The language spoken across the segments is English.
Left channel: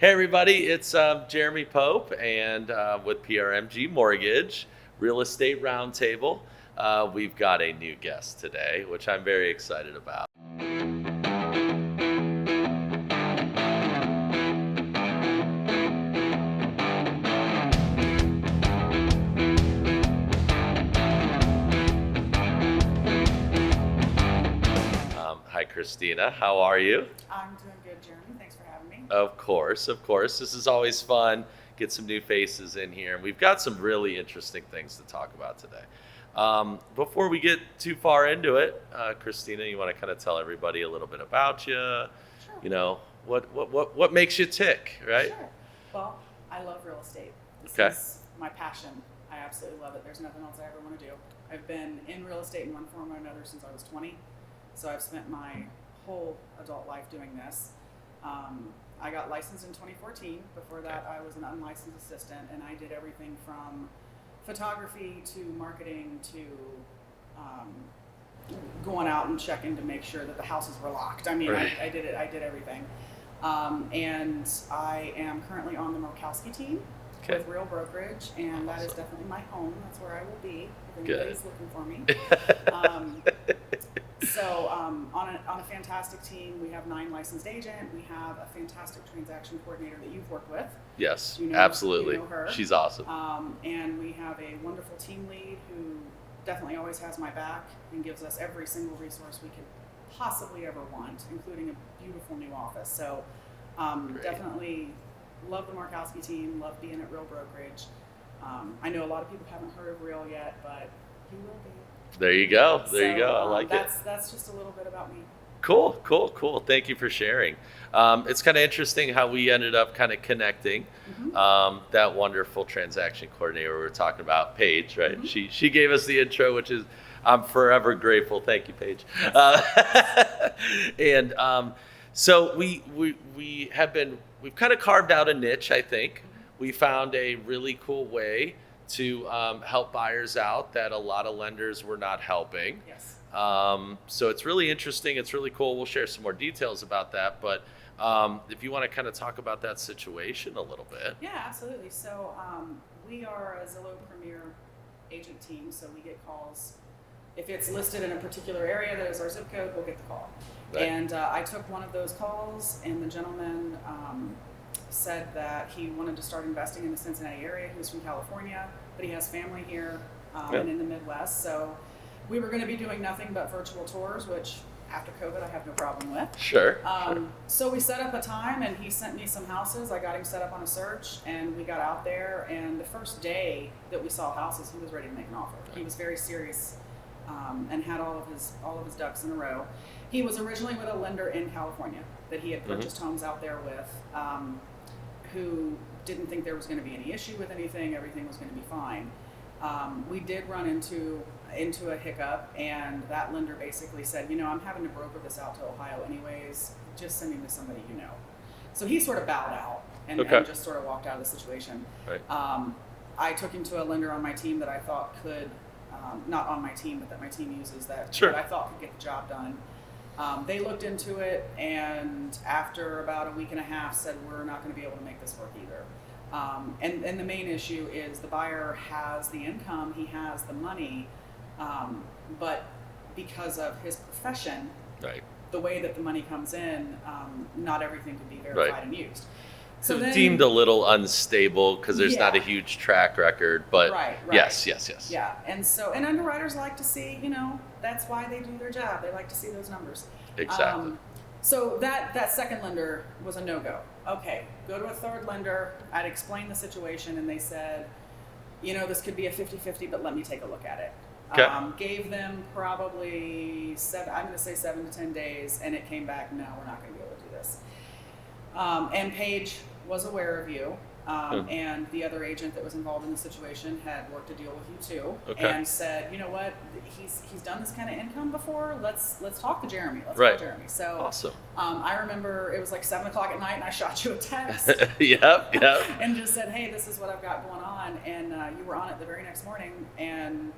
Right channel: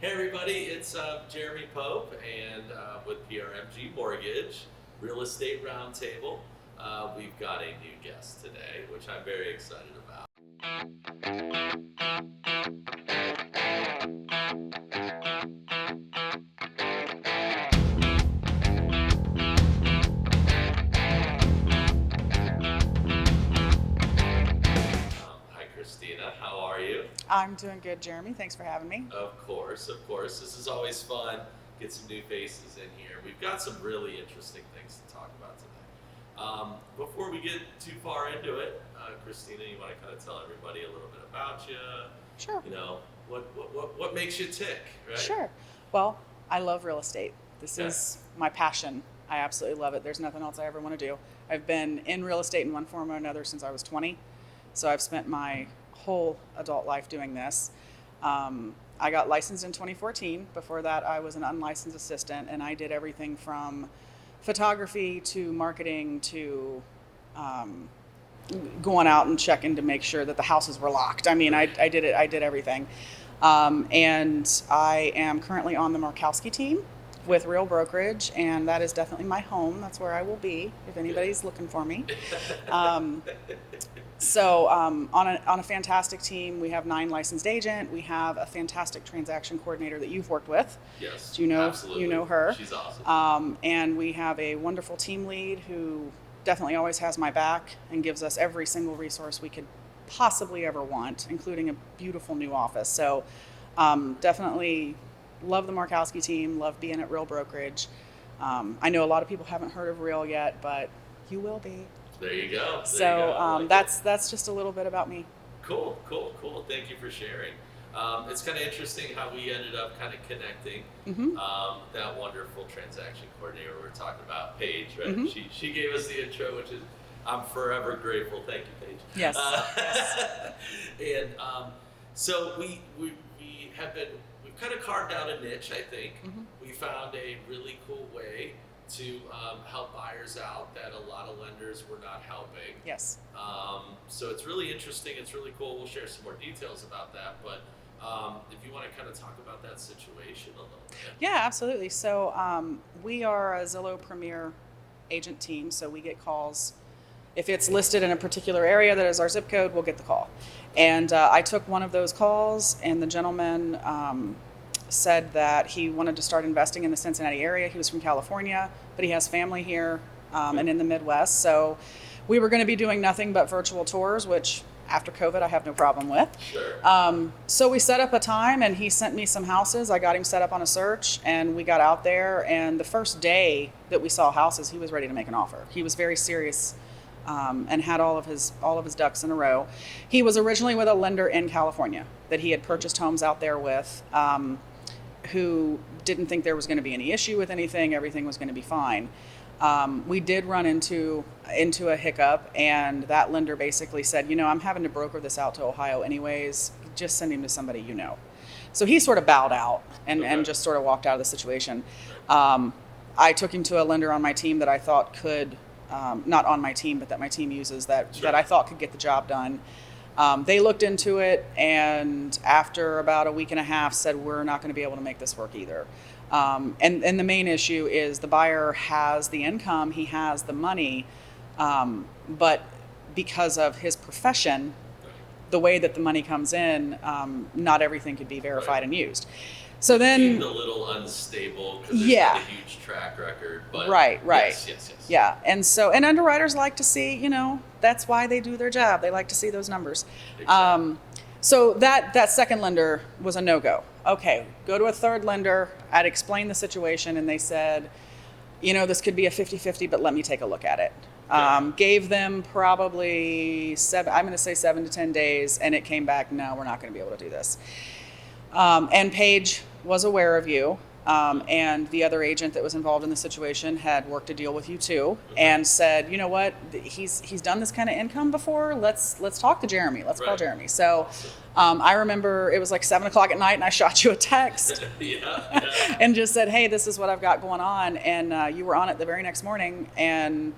Hey everybody, it's Jeremy Pope and with PRMG Mortgage Real Estate Roundtable. We've got a new guest today, which I'm very excited about. Hi Christina, how are you? I'm doing good, Jeremy. Thanks for having me. Of course. This is always fun. Get some new faces in here. We've got some really interesting things to talk about today. Before we get too far into it, Christina, you want to kind of tell everybody a little bit about you? Sure. You know, what makes you tick, right? Sure. Well, I love real estate. This is my passion. I absolutely love it. There's nothing else I ever want to do. I've been in real estate in one form or another since I was 20. So I've spent my whole adult life doing this. I got licensed in 2014. Before that, I was an unlicensed assistant, and I did everything from photography to marketing to going out and checking to make sure that the houses were locked. I mean, I did it. I did everything. And I am currently on the Markowski Team with Real Brokerage, and that is definitely my home. That's where I will be if anybody's looking for me. So on a fantastic team, we have 9 licensed agents. We have a fantastic transaction coordinator that you've worked with. Yes, you know, absolutely. You know her. She's awesome. And we have a wonderful team lead who definitely always has my back and gives us every single resource we could possibly ever want, including a beautiful new office. So definitely love the Markowski team, love being at Real Brokerage. I know a lot of people haven't heard of Real yet, but you will be. There you go. There you go. I like that's just a little bit about me. Cool. Thank you for sharing. It's kind of interesting how we ended up kind of connecting. That wonderful transaction coordinator we were talking about, Paige, right? Mm-hmm. She gave us the intro, which is I'm forever grateful. Thank you, Paige. Yes. And so we've kind of carved out a niche, I think. Mm-hmm. We found a really cool way to help buyers out that a lot of lenders were not helping. Yes. So it's really interesting. It's really cool. We'll share some more details about that. But if you want to kind of talk about that situation a little bit. Yeah, absolutely. So we are a Zillow Premier agent team. So we get calls. If it's listed in a particular area that is our zip code, we'll get the call. Right. And I took one of those calls, and the gentleman said that he wanted to start investing in the Cincinnati area. He was from California, but he has family here and in the Midwest. So we were going to be doing nothing but virtual tours, which after COVID, I have no problem with. Sure. So we set up a time, and he sent me some houses. I got him set up on a search, and we got out there. And the first day that we saw houses, he was ready to make an offer. He was very serious and had all of his ducks in a row. He was originally with a lender in California that he had purchased homes out there with. Who didn't think there was going to be any issue with anything. Everything was going to be fine. We did run into a hiccup, and that lender basically said, I'm having to broker this out to Ohio anyways. Just send him to somebody you know. So he sort of bowed out and just sort of walked out of the situation. Right. I took him to a lender on my team that I thought could, not on my team, but that my team uses that I thought could get the job done. They looked into it, and after about a week and a half said, we're not going to be able to make this work either. And the main issue is the buyer has the income, he has the money, but because of his profession, the way that the money comes in, not everything could be verified and used. So then deemed a little unstable because there's not a huge track record, but right. Yes. Yeah, and underwriters like to see, that's why they do their job. They like to see those numbers. Exactly. So that second lender was a no-go. Okay, go to a third lender. I'd explained the situation, and they said, this could be a 50-50, but let me take a look at it. Okay. Gave them probably 7 to 10 days, and it came back, no, we're not going to be able to do this. And Paige was aware of you, and the other agent that was involved in the situation had worked a deal with you too, and said, you know what, he's done this kind of income before. Let's talk to Jeremy. Let's call Jeremy. So awesome. I remember it was like 7:00 at night, and I shot you a text. And just said, hey, this is what I've got going on, and you were on it the very next morning, and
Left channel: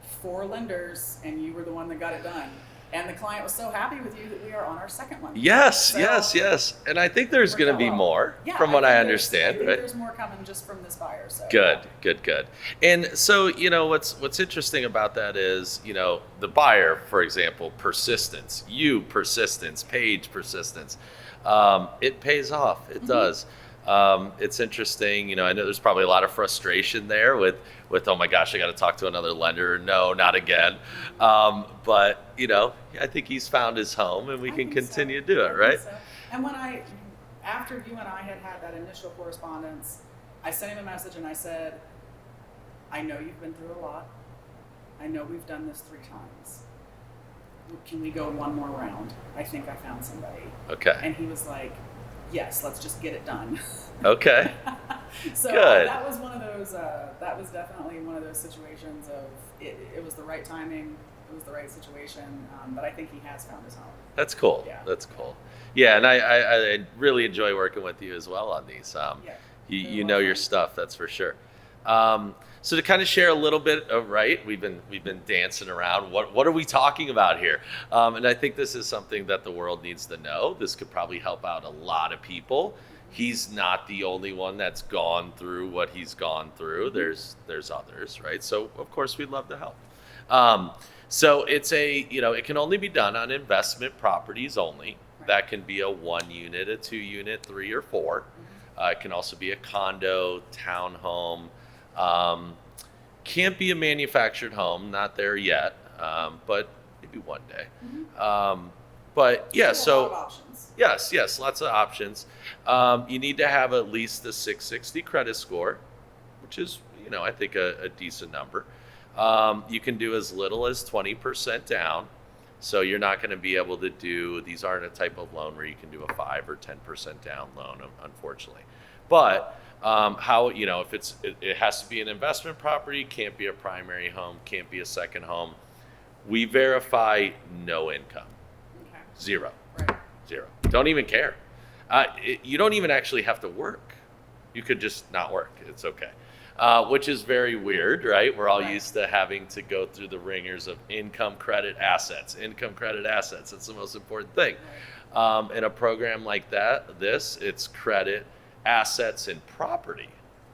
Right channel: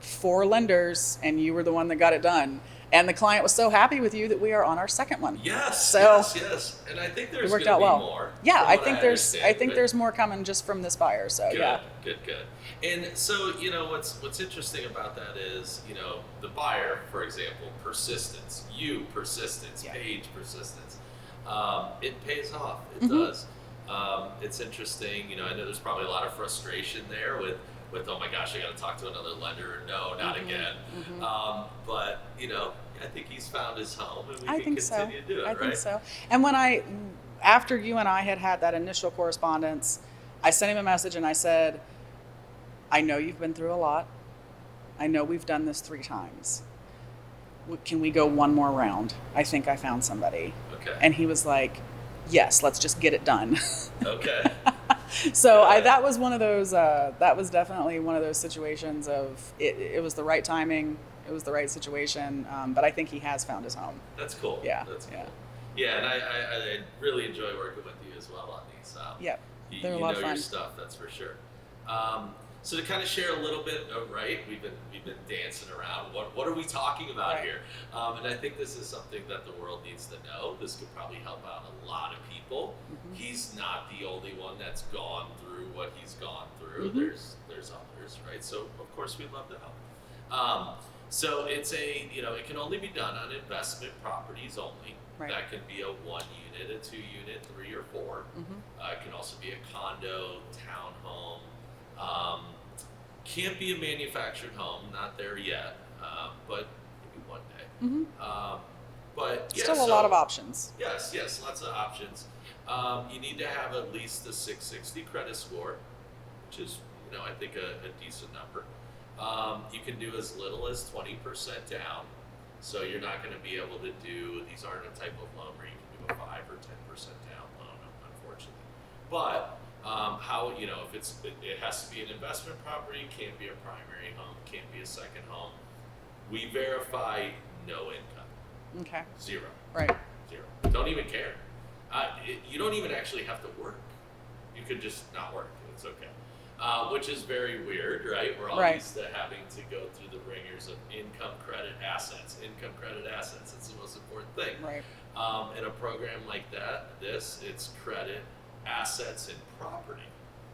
4 lenders, and you were the one that got it done. And the client was so happy with you that we are on our second one. Yes, So yes. And I think there's it worked going to out be well. more Yeah, from what I understand. I think right? there's more coming just from this buyer. So Good, yeah. good. And so, what's interesting about that is, the buyer, for example, persistence, persistence, Yeah. Paige persistence. It pays off. It does. It's interesting. I know there's probably a lot of frustration there with oh my gosh, I got to talk to another lender. No, not again. But I think he's found his home, and we can continue to do it, I right? think so. And after you and I had that initial correspondence, I sent him a message and I said, I know you've been through a lot. I know we've done this 3 times. Can we go one more round? I think I found somebody. Okay. And he was like, yes, let's just get it done. Okay. So Good. that was one of those. That was definitely one of those situations of it was the right timing. It was the right situation. But I think he has found his home. That's cool. Yeah. That's cool. Yeah, and I really enjoy working with you as well on these. Yeah. You know your stuff, that's for sure. So to kind of share a little bit of, right, we've been dancing around. What are we talking about here? And I think this is something that the world needs to know. This could probably help out a lot of people. He's not the only one that's gone through what he's gone through. There's others, right? So of course we'd love to help. So it's it can only be done on investment properties only. Right. That can be a 1 unit, a 2 unit, 3 or 4. It can also be a condo, townhome. Can't be a manufactured home, not there yet, but maybe one day. But yeah, Still a lot of options. Yes, lots of options. You need to have at least a 660 credit score, which is, I think a decent number. You can do as little as 20% down. So you're not going to be able to do, these aren't a type of loan where you can do a 5 or 10% down loan, unfortunately. But if it has to be an investment property, can't be a primary home, can't be a second home. We verify no income. Okay. 0. Right. 0. Don't even care. You don't even actually have to work. You could just not work. It's okay. Which is very weird, right? We're all used to having to go through the ringers of income, credit, assets. Income, credit, assets. That's the most important thing. Right. In a program like it's credit, assets, and property.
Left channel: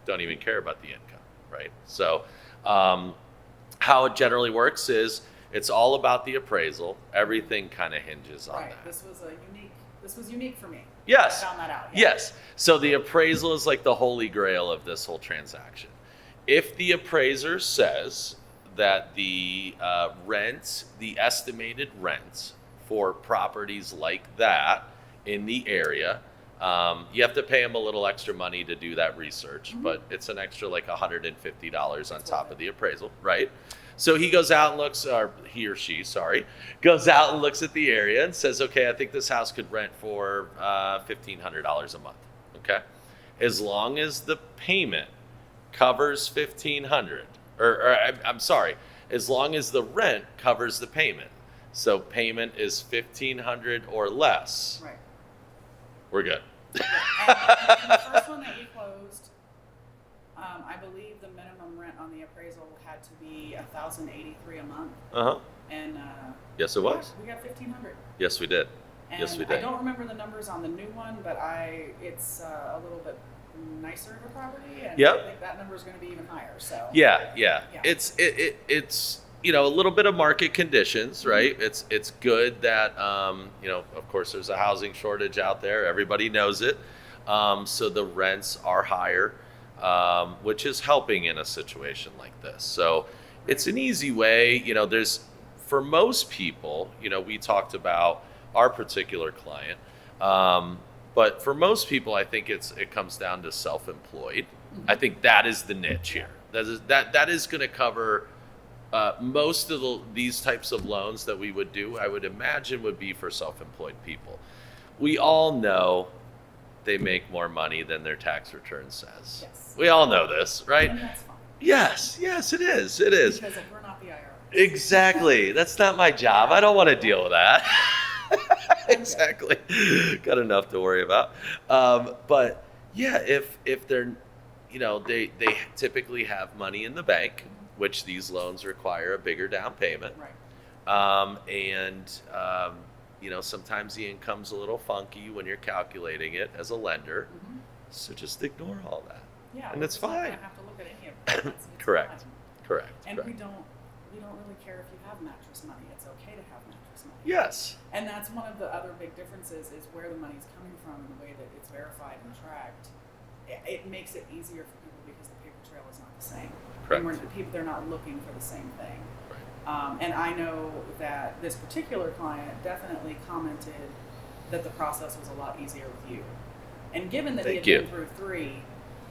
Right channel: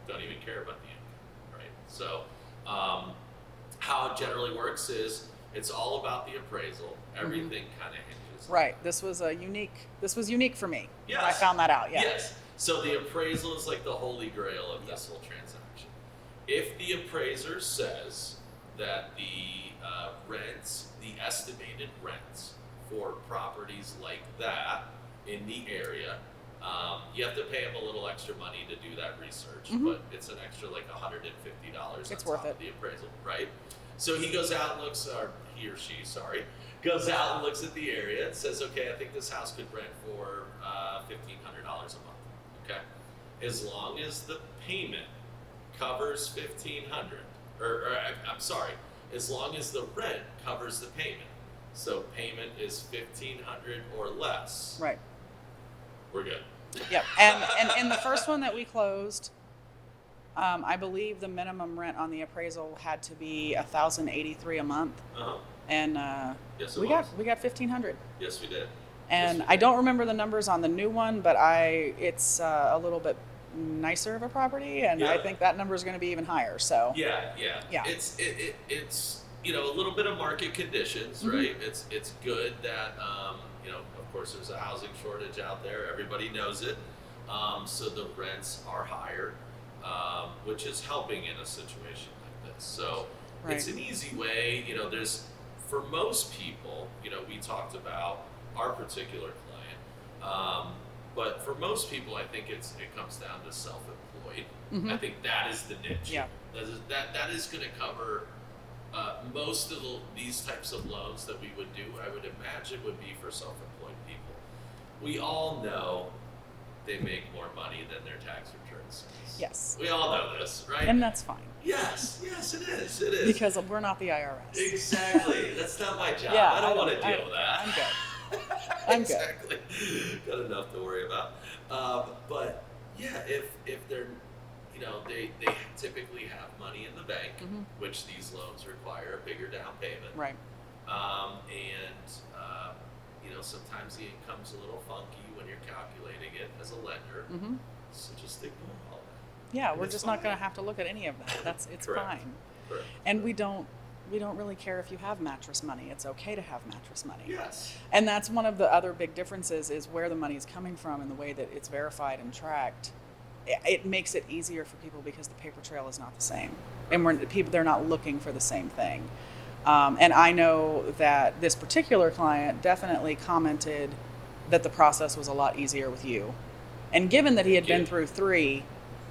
Don't even care about the income, right? So how it generally works is it's all about the appraisal. Everything kind of hinges on that. This was unique for me. Yes. I found that out. Yeah. Yes. So the appraisal is like the holy grail of this whole transaction. If the appraiser says that the estimated rents for properties like that in the area, you have to pay them a little extra money to do that research, but it's an extra like $150 on top of the appraisal, right? So he goes out and looks, or he or she, goes out and looks at the area and says, okay, I think this house could rent for $1,500 a month, okay? As long as the payment covers $1,500, as long as the rent covers the payment. So payment is $1,500 or less. Right. We're good. Yeah. And in the first one that we closed, I believe the minimum rent on the appraisal had to be $1,083 a month. And yes, it was. We got $1,500. Yes, we did. And I don't remember the numbers on the new one, but it's a little bit nicer of a property, and I think that number is going to be even higher. So yeah. It's a little bit of market conditions, right? It's good that of course there's a housing shortage out there. Everybody knows it. So the rents are higher, which is helping in a situation like this. So it's an easy way. There's, for most people, we talked about our particular client. But for most people, I think it comes down to self-employed. I think that is the niche here. That is going to cover most of these types of loans that we would do, I would imagine, would be for self-employed people. We all know they make more money than their tax return says. Yes. We all know this, right? And that's fine. Yes, it is. It is. Because we're not the IRS. Exactly. That's not my job. I don't want to deal with that. Exactly. Got enough to worry about. But yeah, if they're, they typically have money in the bank, which these loans require a bigger down payment. Right. Sometimes the income's a little funky when you're calculating it as a lender. Mm-hmm. So just ignore all that. Yeah, And we're it's just not fine. going to have to look at any of that. It's Correct. fine. Correct. And Correct. we don't really care if you have mattress money. It's okay to have mattress money. Yes. And that's one of the other big differences is where the money is coming from and the way that it's verified and tracked. It makes it easier for people because the paper trail is not the same. Correct. And they're not looking for the same thing. And I know that this particular client definitely commented that the process was a lot easier with you. And given that he had been through 3,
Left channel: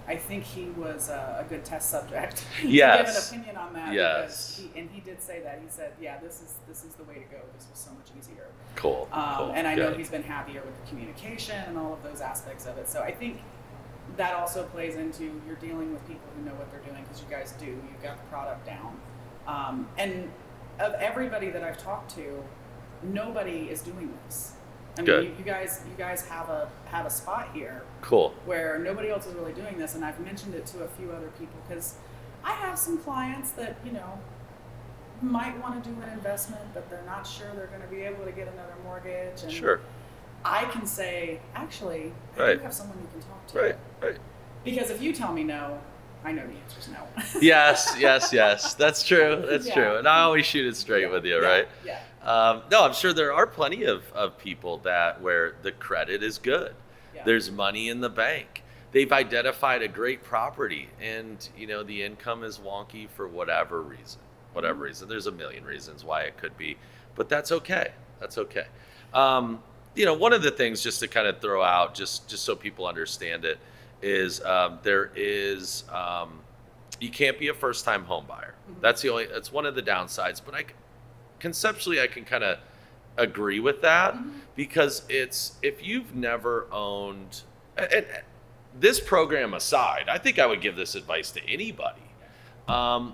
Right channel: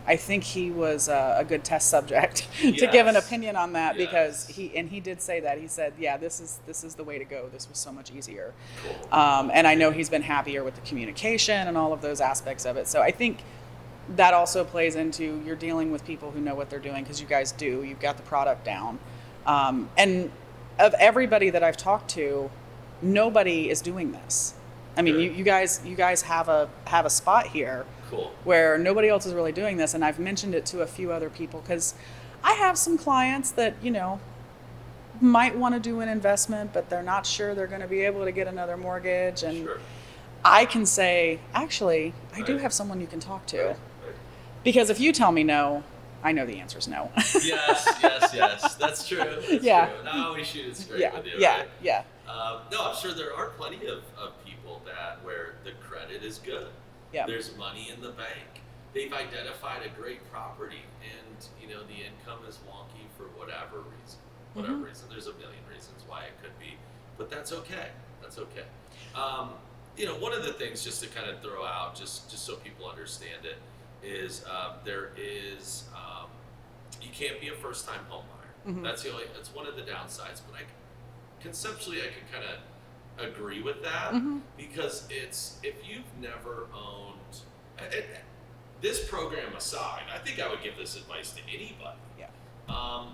I think he was a good test subject to give an opinion on that because he did say that. He said, yeah, this is the way to go. This was so much easier. Cool. And I know he's been happier with the communication and all of those aspects of it. So I think that also plays into you're dealing with people who know what they're doing because you guys do. You've got the product down. And of everybody that I've talked to, nobody is doing this. I mean, you guys have a spot here. Cool. Where nobody else is really doing this, and I've mentioned it to a few other people because I have some clients that might want to do an investment, but they're not sure they're going to be able to get another mortgage. And Sure. I can say, actually, I do Right. have someone you can talk to. Right. Because if you tell me no, I know the answer is no. Yes. That's true. That's true. And I always shoot it straight with you, right? Yeah. No, I'm sure there are plenty of people where the credit is good. Yeah. There's money in the bank. They've identified a great property and, the income is wonky for whatever reason. Reason. There's a million reasons why it could be, but that's okay. That's okay. One of the things just to kind of throw out, just so people understand it, is you can't be a first-time home buyer. Mm-hmm. That's one of the downsides, but conceptually I can kind of agree with that because if you've never owned, and this program aside, I think I would give this advice to anybody. Yeah.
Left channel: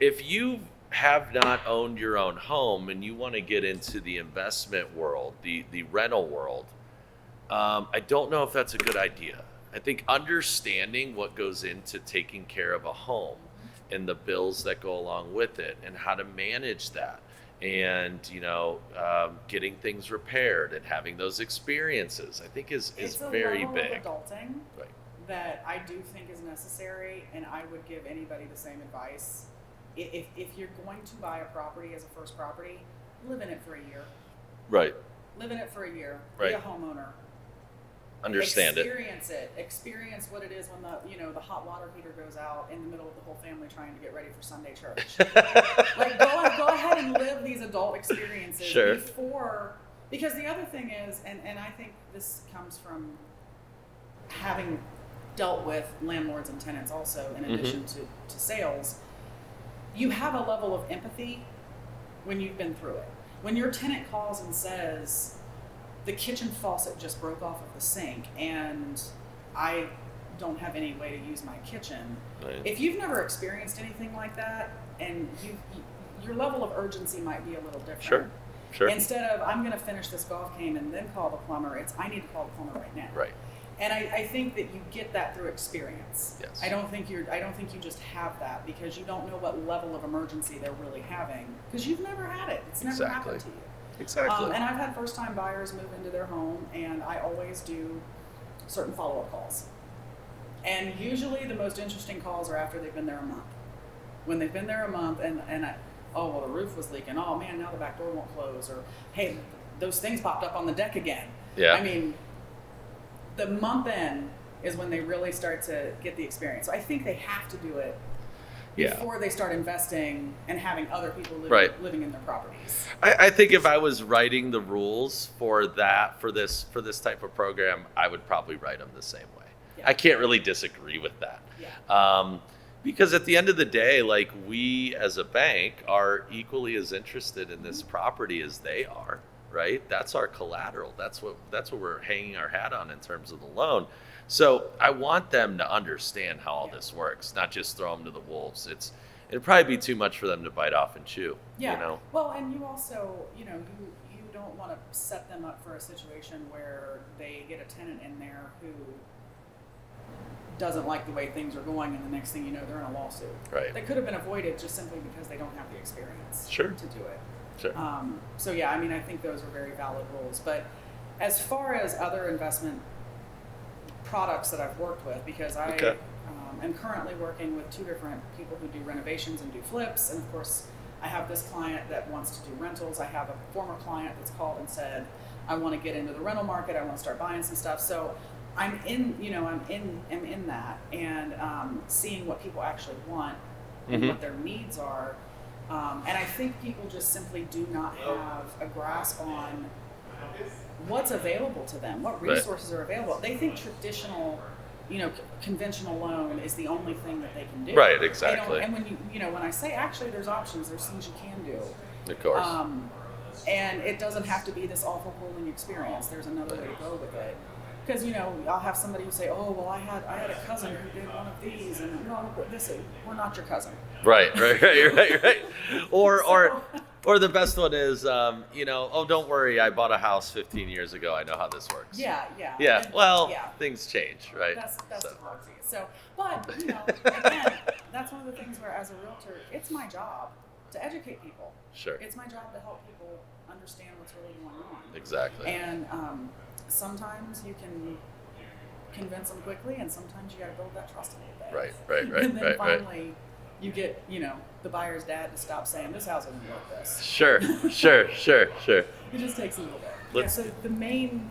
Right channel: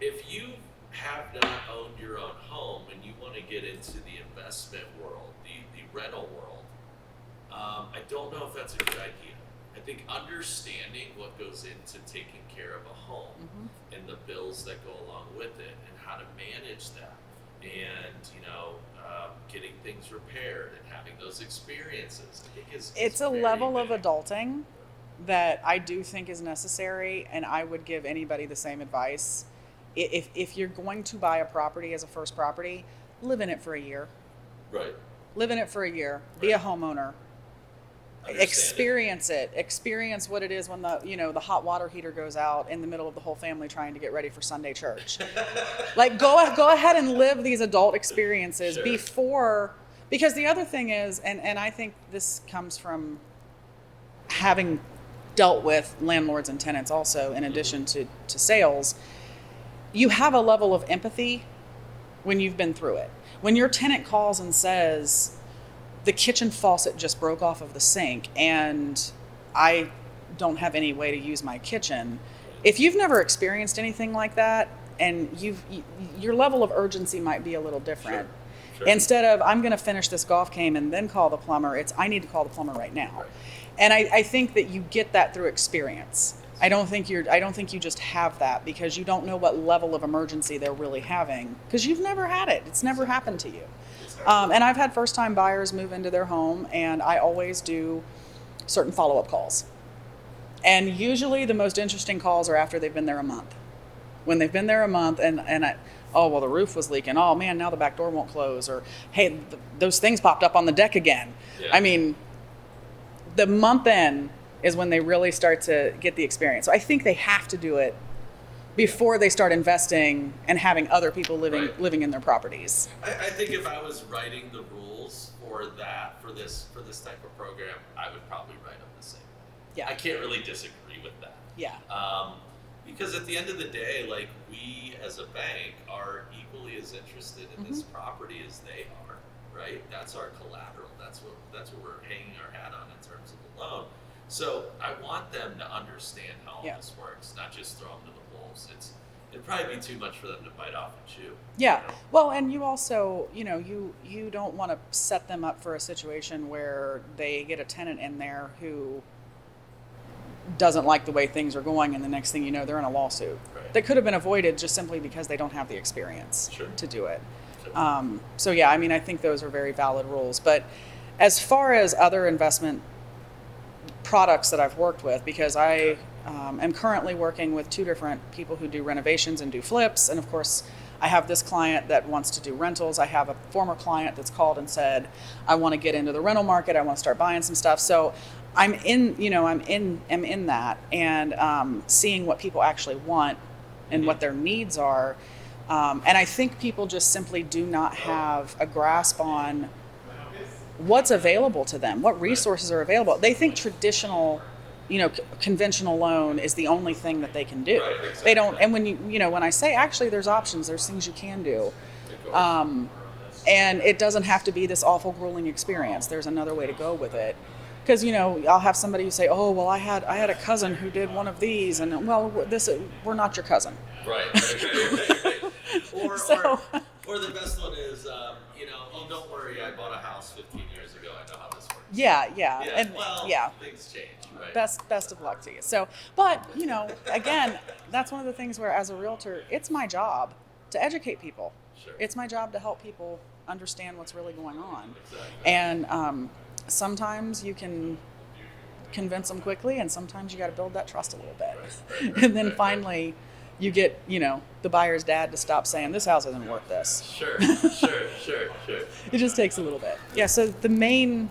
If you have not owned your own home and you want to get into the investment world, the rental world, I don't know if that's a good idea. I think understanding what goes into taking care of a home and the bills that go along with it and how to manage that and, getting things repaired and having those experiences, I think is it's a very level big. of adulting Right. that I do think is necessary, and I would give anybody the same advice. If you're going to buy a property as a first property, live in it for a year. Right. Live in it for a year. Right. Be a homeowner. Understand Experience it. Experience what it is when the hot water heater goes out in the middle of the whole family trying to get ready for Sunday church. Like go ahead and live these adult experiences before, because the other thing is, and I think this comes from having dealt with landlords and tenants also in addition to sales, you have a level of empathy when you've been through it. When your tenant calls and says, the kitchen faucet just broke off of the sink and I don't have any way to use my kitchen. Right. If you've never experienced anything like that, and your level of urgency might be a little different. Sure. Instead of, I'm going to finish this golf game and then call the plumber, it's, I need to call the plumber right now. Right. And I think that you get that through experience. Yes. I don't think you just have that because you don't know what level of emergency they're really having because you've never had it. It's never happened to you. Exactly. And I've had first-time buyers move into their home, and I always do certain follow-up calls. And usually the most interesting calls are after they've been there a month. When they've been there a month and the roof was leaking. Oh man, now the back door won't close. Or hey, those things popped up on the deck again. Yeah. I mean, the month in is when they really start to get the experience. So I think they have to do it before they start investing and having other people living in their properties. I think if I was writing the rules for this type of program, I would probably write them the same way. Yeah. I can't really disagree with that. Yeah. Because at the end of the day, like we as a bank are equally as interested in this property as they are, right? That's our collateral. That's what we're hanging our hat on in terms of the loan. So I want them to understand how all this works, not just throw them to the wolves. It'd probably be too much for them to bite off and chew. Yeah. You know? Well, and you also, you don't want to set them up for a situation where they get a tenant in there who doesn't like the way things are going, and the next thing you know, they're in a lawsuit. Right. That could have been avoided just simply because they don't have the experience Sure. to do it. Sure. So yeah, I mean, I think those are very valid rules. But as far as other investment products that I've worked with, because I am currently working with 2 different people who do renovations and do flips. And of course, I have this client that wants to do rentals. I have a former client that's called and said, I want to get into the rental market. I want to start buying some stuff. So I'm in that, and seeing what people actually want and what their needs are. And I think people just simply do not have a grasp on what's available to them, what resources are available. They think traditional, conventional loan is the only thing that they can do. Right, exactly. They don't, and when I say actually there's options, there's things you can do. Of course. And it doesn't have to be this awful, grueling experience. There's another way to go with it. Because, I'll have somebody who say, oh, well, I had a cousin who did one of these, and well, we're not your cousin. Right. Or the best one is, oh, don't worry, I bought a house 15 years ago. I know how this works. Yeah. And, things change, right? Best of luck to you. So, but, again, that's one of the things where as a realtor, it's my job to educate people. Sure. It's my job to help people understand what's really going on. Exactly. And sometimes you can convince them quickly, and sometimes you got to build that trust a little bit. Right. And then finally, you get, the buyer's dad to stop saying, this house isn't worth this. Sure. It just takes a little bit. Yeah, so the main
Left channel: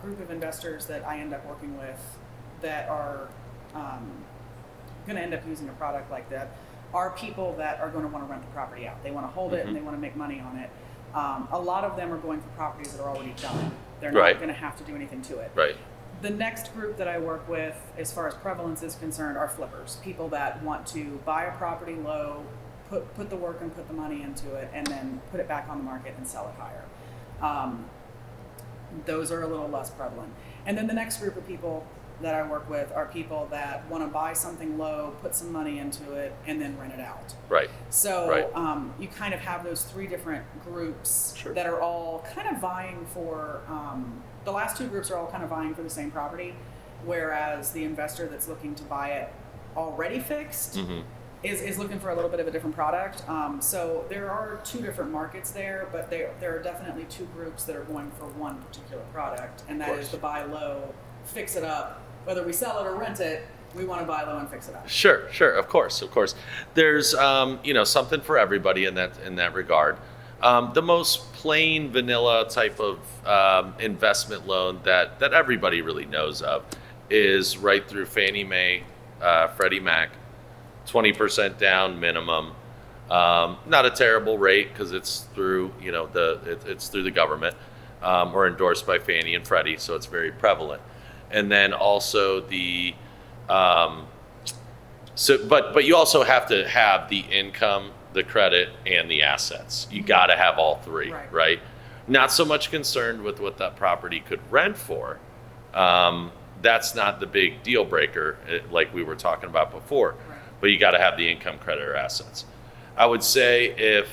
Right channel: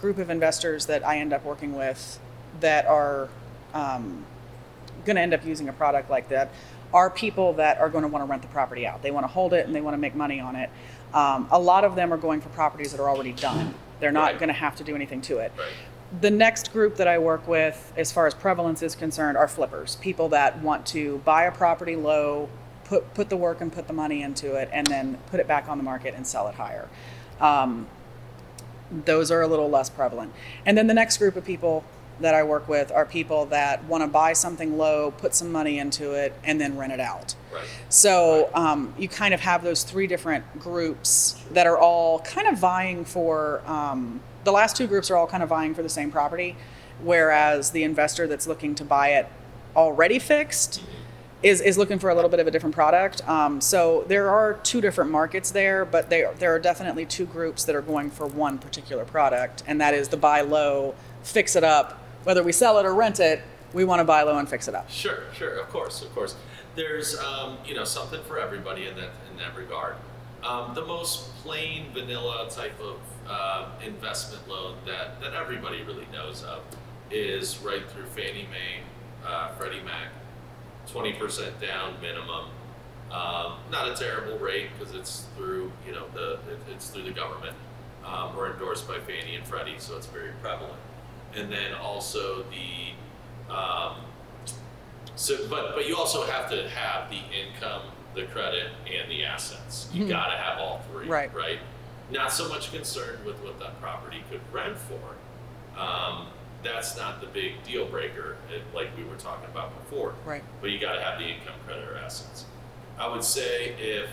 group of investors that I end up working with that are going to end up using a product like that are people that are going to want to rent the property out. They want to hold it and they want to make money on it. A lot of them are going for properties that are already done. They're not going to have to do anything to it. Right. The next group that I work with, as far as prevalence is concerned, are flippers. People that want to buy a property low, put the work and put the money into it, and then put it back on the market and sell it higher. Those are a little less prevalent. And then the next group of people that I work with are people that want to buy something low, put some money into it, and then rent it out. Right. So you kind of have those 3 different groups that are all kind of vying for, the last 2 groups are all kind of vying for the same property, whereas the investor that's looking to buy it already fixed is looking for a little bit of a different product. So there are 2 different markets there, but there are definitely 2 groups that are going for one particular product, and that is the buy low, fix it up. Whether we sell it or rent it, we want to buy low and fix it up. Sure, of course. There's something for everybody in that regard. The most plain vanilla type of investment loan that everybody really knows of is right through Fannie Mae, Freddie Mac, 20% down minimum. Not a terrible rate because it's through it's through the government or endorsed by Fannie and Freddie, so it's very prevalent. And then also the but you also have to have the income, the credit, and the assets. You got to have all 3, right? Not so much concerned with what that property could rent for. That's not the big deal breaker, like we were talking about before. Right. But you got to have the income, credit, or assets. I would say if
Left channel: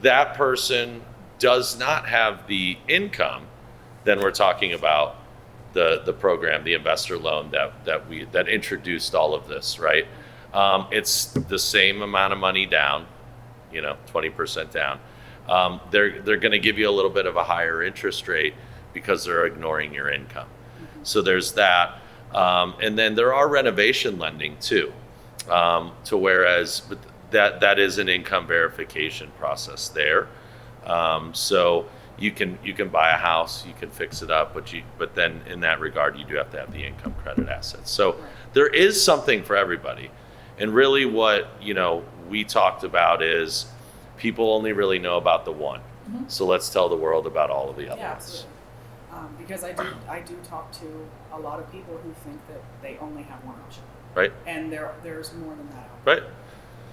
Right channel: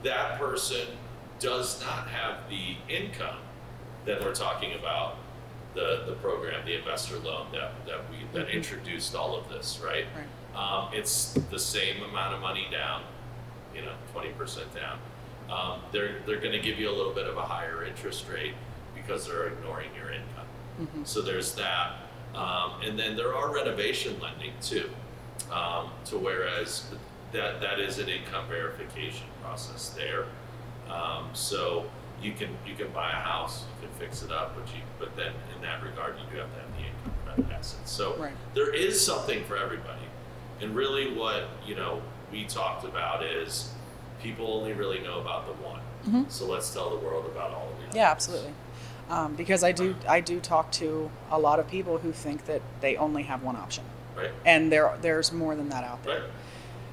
that person does not have the income, then we're talking about the program, the investor loan that introduced all of this, right? It's the same amount of money down, 20% down. They're going to give you a little bit of a higher interest rate because they're ignoring your income. So there's that. And then there are renovation lending too, to whereas that is an income verification process there. So you can buy a house, you can fix it up, but then in that regard, you do have to have the income, credit, assets. So there is something for everybody. And really what, we talked about is people only really know about the one. So let's tell the world about all of the others. Yeah, absolutely. Because I do talk to a lot of people who think that they only have one option. Right. And there's more than that out there. Right.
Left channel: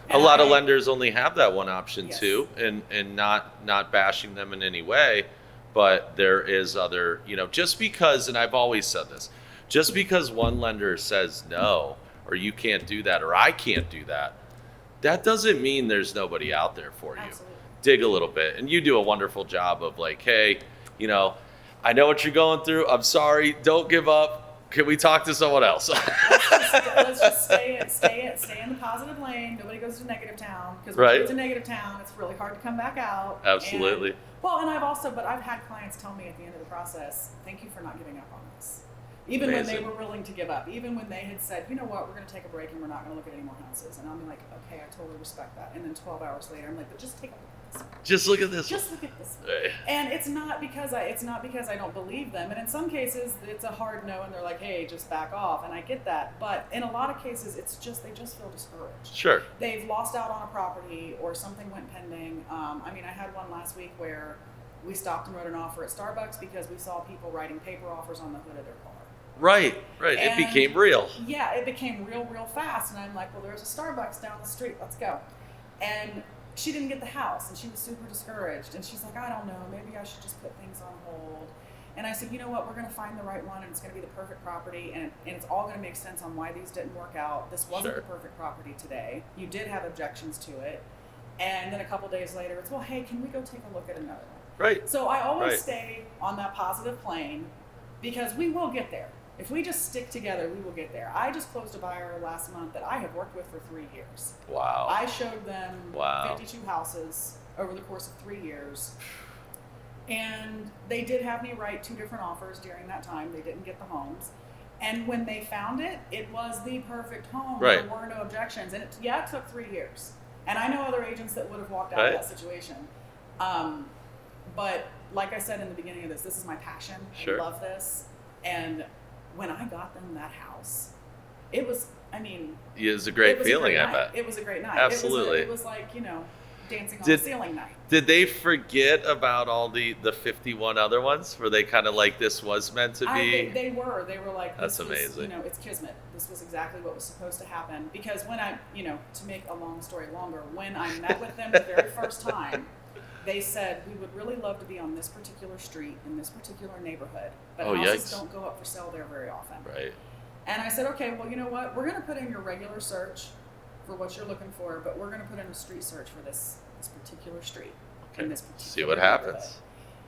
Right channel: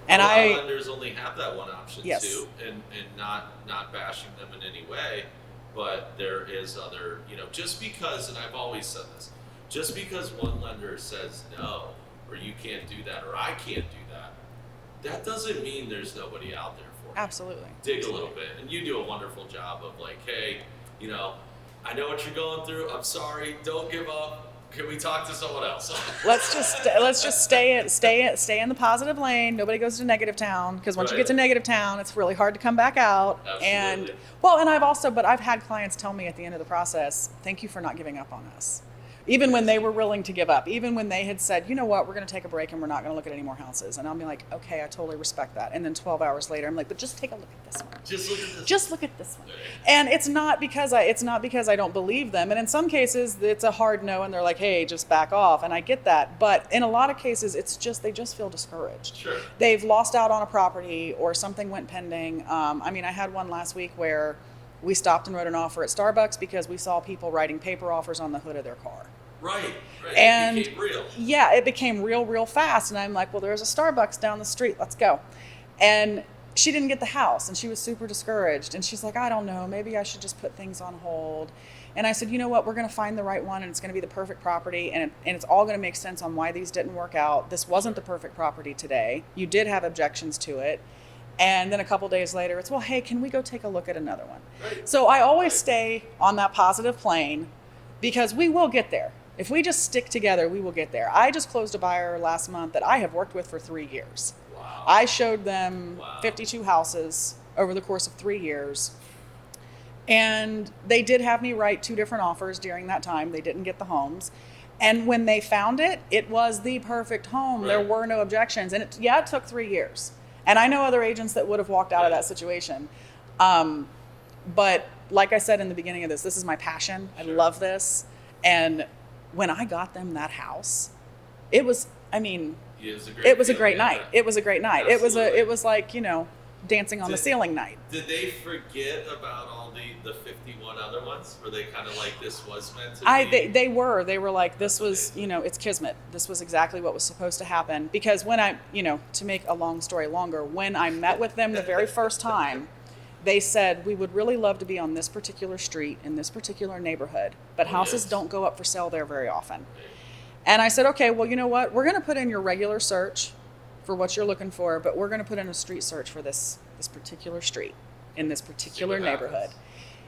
And a lot of lenders only have that one option too, and not bashing them in any way, but there is other, just because, and I've always said this, just because one lender says no, or you can't do that, or I can't do that, that doesn't mean there's nobody out there for you. Absolutely. Dig a little bit, and you do a wonderful job of like, hey, I know what you're going through. I'm sorry. Don't give up. Can we talk to someone else? let's just stay in the positive lane. Nobody goes to negative town, because once you get to negative town, it's really hard to come back out. Absolutely. And I've had clients tell me at the end of the process, thank you for not giving up on us. Even when they were willing to give up, even when they had said, you know what, we're going to take a break and we're not going to look at any more houses. And I'll be like, okay, I totally respect that. And then 12 hours later, I'm like, but just take a look at this one. Just look at this. Just look at this one. Right. And it's not because I don't believe them. And in some cases, it's a hard no, and they're like, hey, just back off. And I get that. But in a lot of cases, they just feel discouraged. Sure. They've lost out on a property, or something went pending. I had one last week where we stopped and wrote an offer at Starbucks because we saw people writing paper offers on the hood of their car. Right. And it became real. Yeah, it became real fast. And I'm like, well, there's a Starbucks down the street. Let's go. And she didn't get the house, and she was super discouraged. And she's like, I don't know, maybe I should just put things on hold. And I said, you know what, we're going to find the right one, and it's going to be the perfect property, and it's all going to make sense on why these didn't work out. This wasn't the perfect property today. You did have objections to it. And then a couple days later, it's, well, hey, can we go take a look at another one? Right. So I always stay on that positive plane, because we will get there. If we just stick together, we will get there. I just closed a buyer last month that I have worked with for 3 years. Wow. I showed them 52 houses over the course of 3 years. And they did have me write 2 different offers during that time. They didn't get the homes. And when they found it, it was the perfect home. Right. There were no objections. And it took 3 years. And I know other agents that would have walked out of that situation. But like I said in the beginning of this is my passion. Sure. I love this. And when I got them that house, it was a great night. It was a great night. Absolutely. It was like, dancing on the ceiling night. Did they forget about all the 51 other ones? Were they kind of like, this was meant to be? They were like, this That's was, amazing. it's kismet. This was exactly what was supposed to happen. Because when to make a long story longer, when I met with them the very first time, they said, we would really love to be on this particular street in this particular neighborhood, but houses don't go up for sale there very often. Right. And I said, okay, well, you know what? We're going to put in your regular search for what you're looking for, but we're going to put in a street search for this particular street in this particular neighborhood. Happens.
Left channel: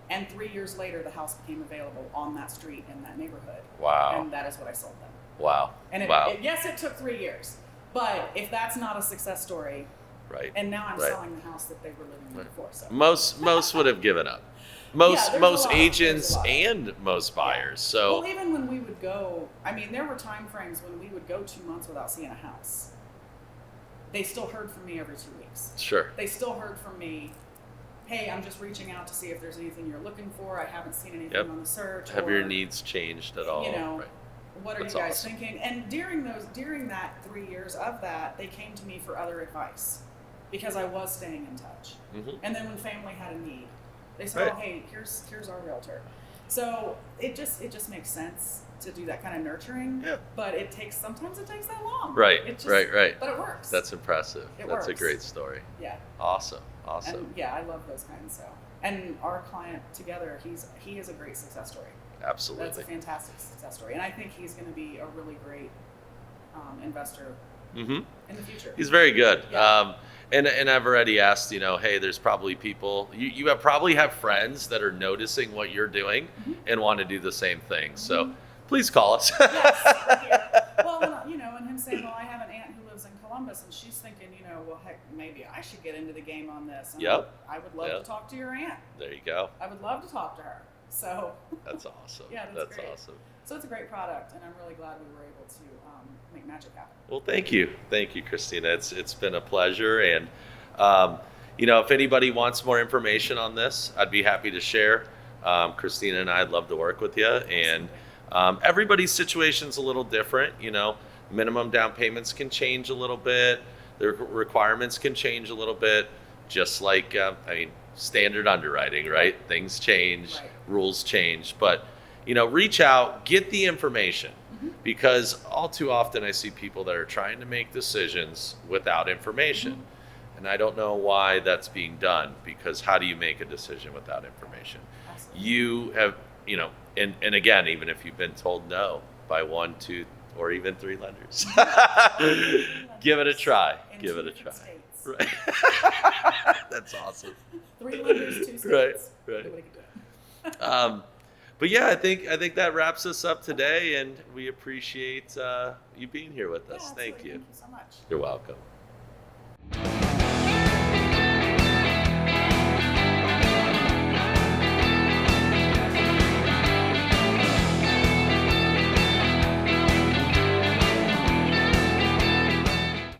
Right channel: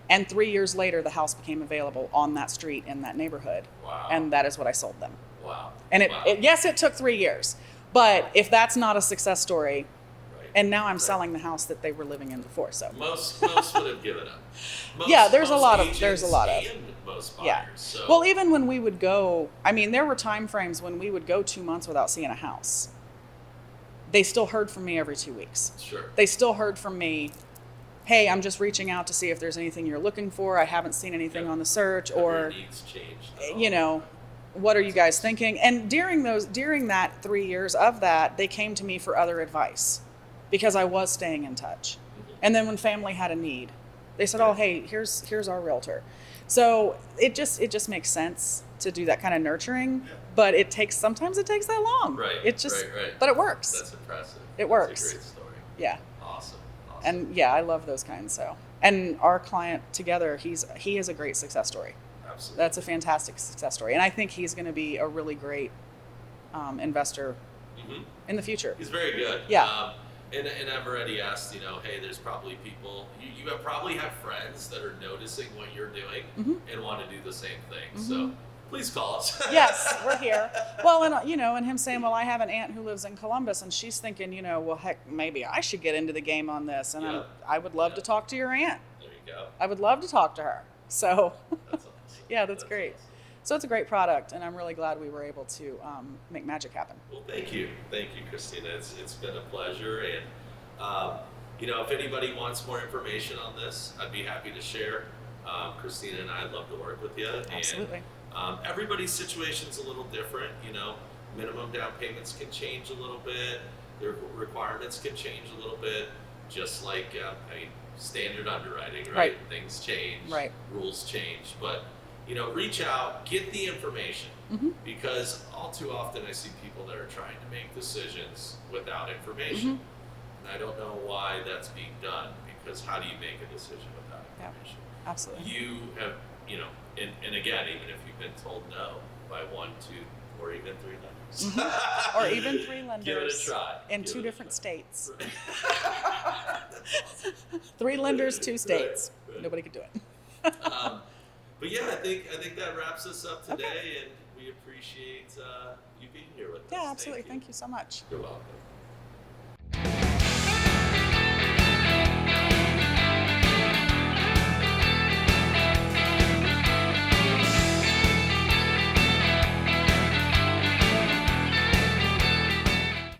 And 3 years later, the house became available on that street in that neighborhood. Wow. And that is what I sold them. Wow. And it took 3 years, but if that's not a success story, right. And now I'm selling the house that they were living in before. So most would have given up. Most agents and most buyers. Yeah. So well, even when we would go, there were time frames when we would go 2 months without seeing a house. They still heard from me every 2 weeks. Sure. They still heard from me, hey, I'm just reaching out to see if there's anything you're looking for. I haven't seen anything on the search. Have your needs changed at all? Right. What are you guys thinking? And during that 3 years of that, they came to me for other advice, because I was staying in touch. Mm-hmm. And then when family had a need, they said, oh, hey, here's our realtor. So it just makes sense to do that kind of nurturing, but sometimes it takes that long. Right. Right. But it works. That's impressive. Works. That's a great story. Yeah. Awesome. And I love those kinds. So, and our client together, he is a great success story. Absolutely. That's a fantastic success story. And I think he's going to be a really great investor in the future. He's very good. Yeah. And I've already asked, hey, there's probably people, you probably have friends that are noticing what you're doing and want to do the same thing. Mm-hmm. So please call us. Yes, we're here. Well, and him saying, well, I have an aunt who lives in Columbus, and she's thinking, well, heck, maybe I should get into the game on this. And I would love to talk to your aunt. There you go. I would love to talk to her. So that's awesome. Yeah, that's great. Awesome. So it's a great product, and I'm really glad we were able to make magic happen. Well, thank you, Christina. It's been a pleasure, and if anybody wants more information on this, I'd be happy to share. Christina and I'd love to work with you. Absolutely. And everybody's situation's a little different. Minimum down payments can change a little bit. The requirements can change a little bit. Just like standard underwriting, right? Things change, rules change, but. Reach out, get the information, because all too often I see people that are trying to make decisions without information. And I don't know why that's being done, because how do you make a decision without information? Yeah, absolutely. You have, and again, even if you've been told no by 1, 2, or even 3 lenders. Or even 3 lenders. Give it a try. In 2 different states. Right. That's awesome. 3 lenders, 2 states. Right. Nobody could do it. But yeah, I think that wraps us up today, and we appreciate you being here with us. Yeah, absolutely. Thank you. Thank you so much. You're welcome.